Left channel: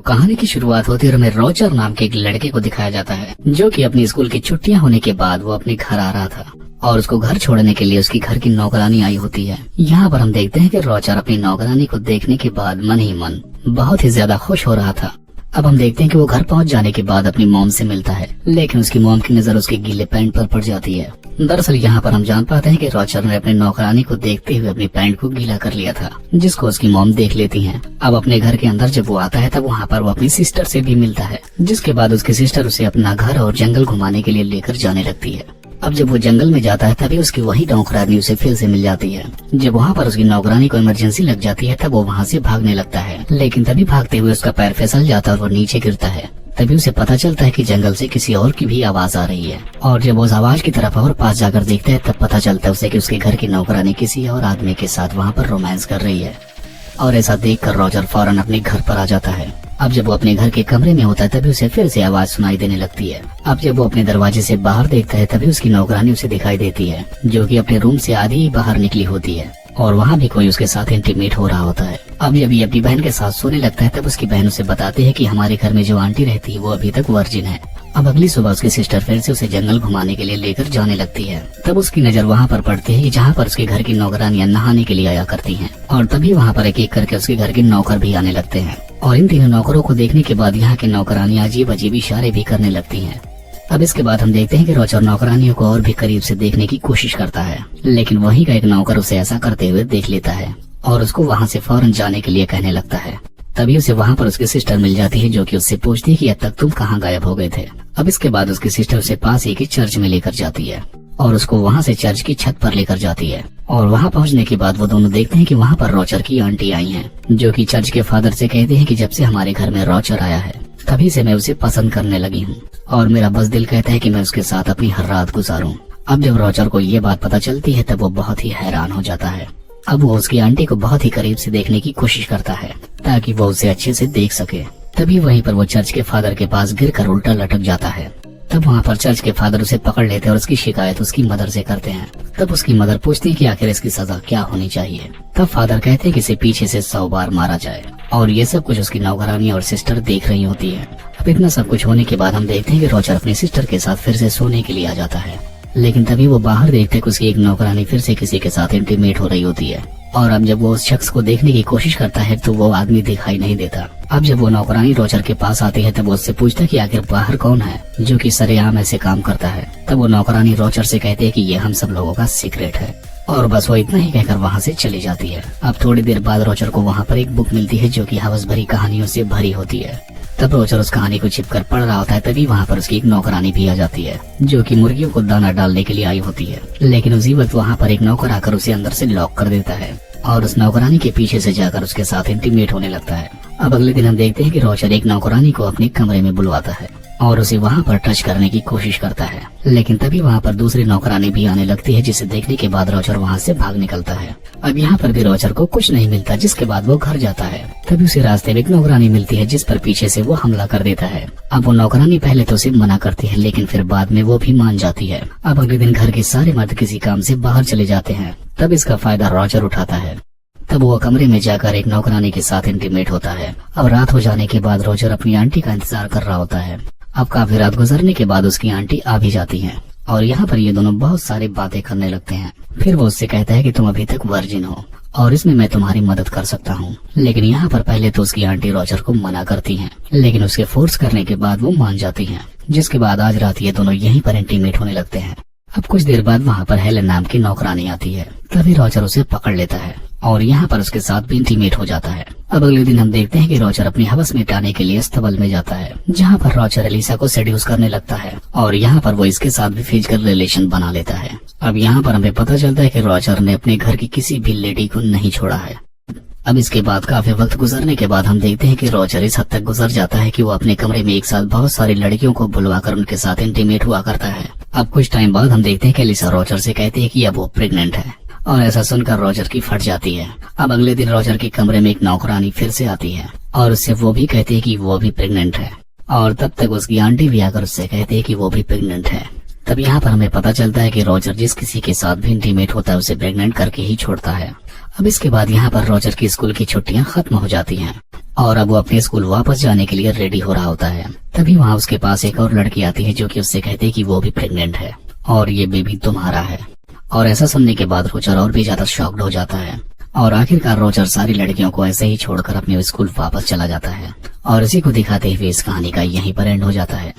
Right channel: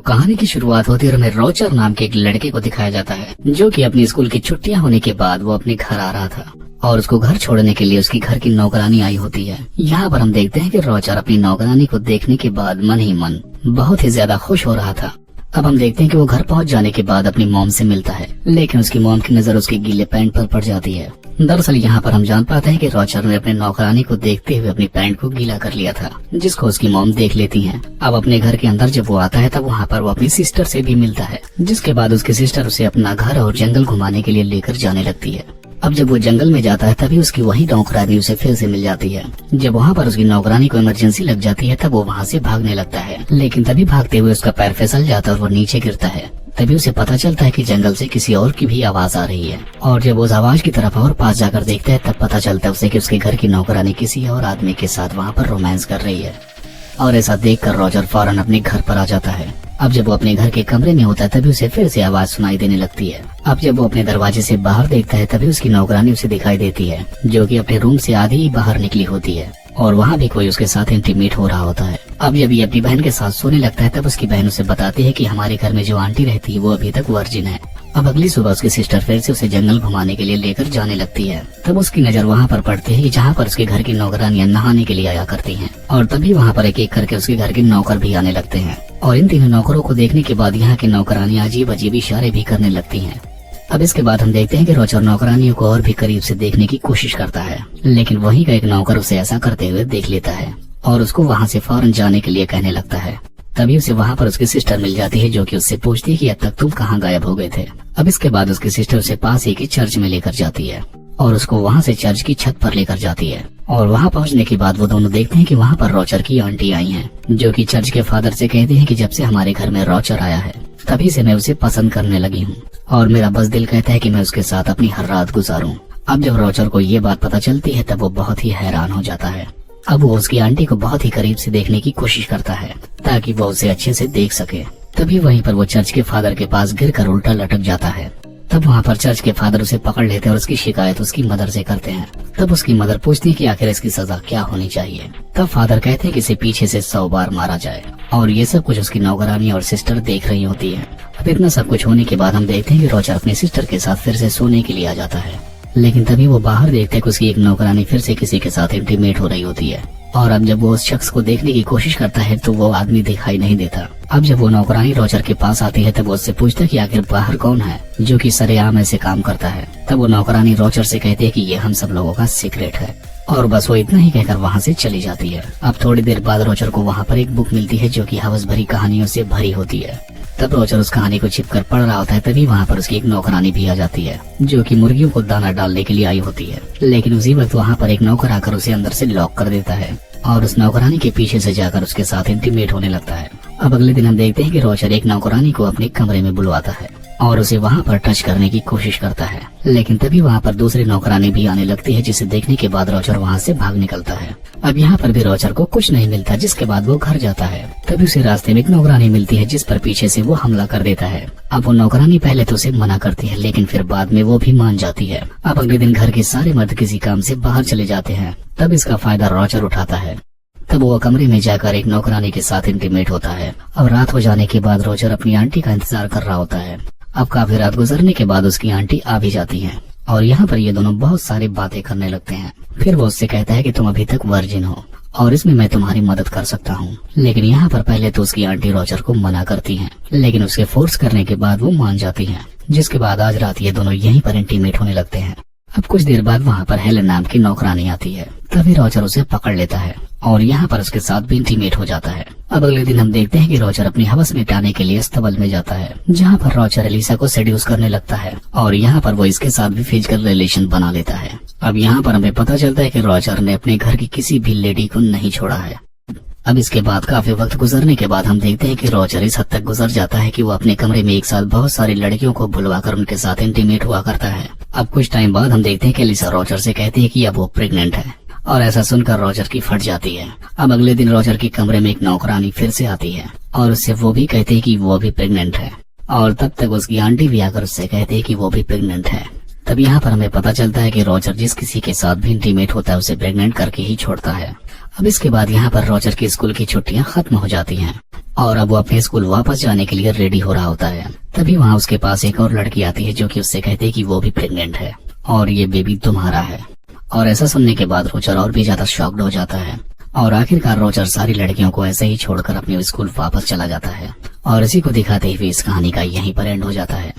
कहानी की शुरुआत होती है और हमें रॉजर नाम के एक लड़के को दिखाया जाता है जो कि अपनी स्कूल की छुट्टियां होने के बाद वो अपने घर आ रहा था और उसको घर छोड़ने के लिए उसकी घर की नौकरानी आई होती है। यहाँ पर हम देखते हैं कि रॉजर अपनी नौकरानी को देखने के बाद मन ही मन बहुत ही ज्यादा खुश हो रहा था। अब हम देखते हैं कि वो घर पहुंच जाने के बाद अपनी मॉम से मिलता है, लेकिन उसकी मॉम की नजर उसके गीले पैंट पर पड़ जाती है। दरअसल यहाँ पर हम जान पाते हैं कि रॉजर ने अपनी नौकरानी को देखते हुए अपनी पैंट को गीला कर लिया था, जिसको उसकी मॉम देख लेती है। अब अपने घर के अंदर जब वो आता है तब वहाँ पर वो अपनी सिस्टर से भी मिलता है, जिसके बाद उसकी सिस्टर उसे अपना घर और जंगल घुमाने के लिए लेकर जाने लगती है। अब जब वो जंगल में जाता है तभी उसकी वही नौकरानी उसे फिर से मिल जाती है। जब वहाँ पर उसकी नौकरानी को इमरजेंसी लग जाती है तब वो वहाँ से भागने लगता है, लेकिन तभी भागते हुए उसका पैर फिसल जाता है और वो नीचे गिरता है। तभी उसे पता चलता है कि जंगल से किसी और की भी आवाज आ रही है और जब वो उस आवाज की तरफ और पास जाकर देखता है तब पता चलता है उसे कि उसके घर की नौकरानी किसी और आदमी के साथ वहाँ पर रोमांस कर रही है। और ऐसा देखकर रॉजर फौरन अपने घर पर आ जाता है। अब जब वो अपने घर के कमरे में होता है तभी उसे फिर से आवाज सुनाई देने लगती है। अब जब वो अपने दरवाजे से बाहर देखता है तभी उसकी नौकरानी उसे दिखाई देती है, जो कि अपने रूम से आधी ही बाहर निकली होती है और वहाँ भी कोई उसके साथ इंटीमेट हो रहा होता है। अब जब ये अपनी बहन के साथ सोने लगता है तब उसकी बहन उसे बताती है कि हमारे घर में जो आंटी रहती है वो अभी तक वर्जिन है। अब अगली सुबह उसकी सिस्टर फिर से उसे जंगल घुमाने के लिए लेकर जाने लगती है। तब उसकी नजर वहाँ पर पड़ती है जहाँ पर उसके घर की नौकरानियां नहाने के लिए आया करती हैं और तभी वहाँ पर एक एक करके उसके घर के नौकर भी आने लगते हैं और इन तीनों नौकरों को देखने के बाद यहाँ की नौकरानियां अजीब अजीब इशारे भी करने लगती हैं। अब इसके बाद हम देखते हैं कि रॉजर नौकरानियों को और भी करीब से देखने की कोशिश करता है, लेकिन वहीं का एक नौकर उसे ऐसा करते हुए देख लेता है और उसको वहाँ से फौरन जाने के लिए कहने लगता है। तभी उसे वहाँ पर उसकी सिस्टर मिल जाती है, जो कि उससे पूछती है कि अब तक तुम कहाँ गायब हो गए थे। अब इसके बाद उसकी सिस्टर उसे पास ही की चर्च में लेकर जाती है और उसको वहाँ से चर्च की छत पर लेकर जाती है और वहाँ पहुँचने के बाद वो दोनों देखते हैं कि वहाँ पर रॉजर की आंटी आई हैं, जो कि चर्च के फादर से कहते हैं कि जब से हमारे घर में रॉजर आया है तभी से मैं उसे पसंद करने लगी हूँ और मेरा बस दिल कहता है कि मैं उसके साथ अपनी हर रात गुजारूं। अब जब रॉजर को ये बात पता चलती है तब वो बहुत ही हैरान हो जाता है। अब वो उसकी आंटी को बहुत ही करीब से देखने की कोशिश करता है ताकि वो उसे अच्छे से देख सके। तभी वहीं पर वो चर्च के फादर के पास गिरकर उल्टा लटक जाता है। तब वहाँ पर चर्च के फादर उसे पकड़ लेते हैं और उसकी शिकायत उसकी मदर से करते हैं। तब उसकी मदर पूछती है कि आखिर इसकी सजा क्या होनी चाहिए। तब फादर कहते हैं कि इसे पीछे से 100 बार मारा जाए और ये सब कुछ उसकी नौकरानी और सिस्टर देख रही होती है। अब इतना सब कुछ होने के बाद हम देखते हैं कि रॉजर अपनी सिस्टर के साथ फिर से सोने के लिए आ जाता है, लेकिन तभी वो बाहर देखते हैं कि उसकी एक नौकरानी फिर से किसी के साथ इंटीमेट हो रही होती है और अब जब वो उस शख्स को देखने की कोशिश करता है तो वो आदमी दिखाई नहीं देता। अब जब वो नौकरानी रॉजर के पास आती है तब वो उससे पूछता है कि आखिर बाहर कौन है जो कि सरेआम ऐसे काम करता है। तब वो नौकरानी रॉजर से कहती है कि ये हम सब लोगों का सीक्रेट है और बस वो इतना ही कहकर वहाँ से चली जाती है। अब थोड़ी देर बाद रॉजर को वहाँ पर एक बुक मिलती है जो कि हवस भरी कहानियों से भरी होती है। तब रॉजर उस कहानी को छिपकर पढ़ रहा होता है, तभी वहाँ पर उसकी एक नौकरानी भी आ जाती है जो कि मुर्गियों को दाना डालने के लिए आई होती है, लेकिन उसी वक्त वहाँ पर एक नौकर आकर उसे अंदर से लॉक कर देता है और उस नौकरानी के पीछे से जाकर उसके साथ इंटीमेट होने लगता है। अब अगले दिन हम देखते हैं कि रॉजर एक नौकरानी को अपने कमरे में बुलवाता है और उसे वहाँ पर टच करने की कोशिश करता है, लेकिन तभी वहाँ पर दूसरी नौकरानी भी आने लगती है, जिसे देखने के बाद रॉजर वहाँ से भाग निकलता है। अब यहाँ पर भी रॉजर को कुछ नहीं मिलता, जिसके बाद वो घर जाता है। तभी उसे रास्ते में एक नौकरानी मिलती है जिस पर पीछे से वो हमला कर देता है। अब वो नौकरानी पहले तो उसे मना करती है, लेकिन फिर बाद में वो भी मान जाती है। अब अगले दिन घर के सारे मर्द किसी काम से बाहर चले जाते हैं, तब इसका फायदा रॉजर उठाता है। तब वो कमरे में जाकर एक नौकरानी के साथ इंटीमेट होता है। अब रात हो जाने के बाद रॉजर अपनी आंटी का इंतजार कर रहा होता है। अब काफी रात गुजरने के बाद उसकी आंटी आ भी जाती हैं और यहाँ पर ये दोनों बहुत सारी बातें करने लगते हैं। फिर वो उससे कहता है कि तुम अभी तक वर्जिन हो और इसमें मैं तुम्हारी मदद कर सकता हूँ, लेकिन यहाँ पर पहले तो उसकी आंटी रॉजर को मना करती हैं, लेकिन उसके फोर्स करने के बाद वो मान जाती हैं, जिसके बाद आज रात ये दोनों यहीं पर इंटीमेट होने लगते हैं। अब कुछ देर बाद वहाँ पर हेलन नाम की नौकरानी आती है, तभी रॉजर उसे पकड़ लेता है और यहाँ पर उसके साथ भी इंटीमेट हो जाता है। अब अगले दिन हम देखते हैं कि रॉजर अपनी हवस मिटाने के लिए अस्तबल में जाता है, जहाँ पर रॉजर एलिसा को सेड्यूस करने लगता है और यहाँ पर वो इसके साथ भी फिजिकल रिलेशन बना लेता है। अब यहाँ पर हमें पता चलता है कि रॉजर ने अपने घर की किसी भी लेडी को नहीं छोड़ा है। अब इसके बाद काफी वक्त गुजरने के बाद हम देखते हैं कि रॉजर इस हद तक गुजर जाता है कि वो अपने कमरे में एक साथ बहुत सारी लड़कियों को बुलवाकर उनके साथ इंटीमेट हुआ करता है। अब कुछ टाइम बाद हम देखते हैं कि एलिसा रॉजर से कहती है कि अब वो प्रेग्नेंट है और ऐसा सुनकर रॉजर की फट जाती है। अब अगले दिन रॉजर के कमरे में एक नौकरानी फिर से आती है और उससे वो भी कहती है कि वो भी प्रेग्नेंट है और तब तक उसकी आंटी भी आकर उससे कहती है कि वो भी प्रेग्नेंट है। तब यहाँ पर हमें पता चलता है कि रॉजर जिस किसी के साथ भी इंटीमेट होता है उसे प्रेग्नेंट करके ही छोड़ता है। अब इसके बाद यहाँ पर रॉजर की स्कूल की छुट्टियां खत्म हो जाती हैं और अब वो अपने स्कूल वापस जाने के लिए रेडी हो रहा होता है। तभी वहाँ उसके पास एक और लड़की आती है जो कि उससे कहती है कि वो भी प्रेग्नेंट है और ये बेबी तुम्हारा है। और ऐसा सुनने के बाद रोजर और भी ज्यादा शॉक्ड हो जाता है और आखिरकार रोजर सारी लड़कियों को ऐसे ही छोड़कर अपने स्कूल वापस चला जाता है। और इसी को दिखाते हुए इस कहानी का यहीं पर एंड हो जाता है।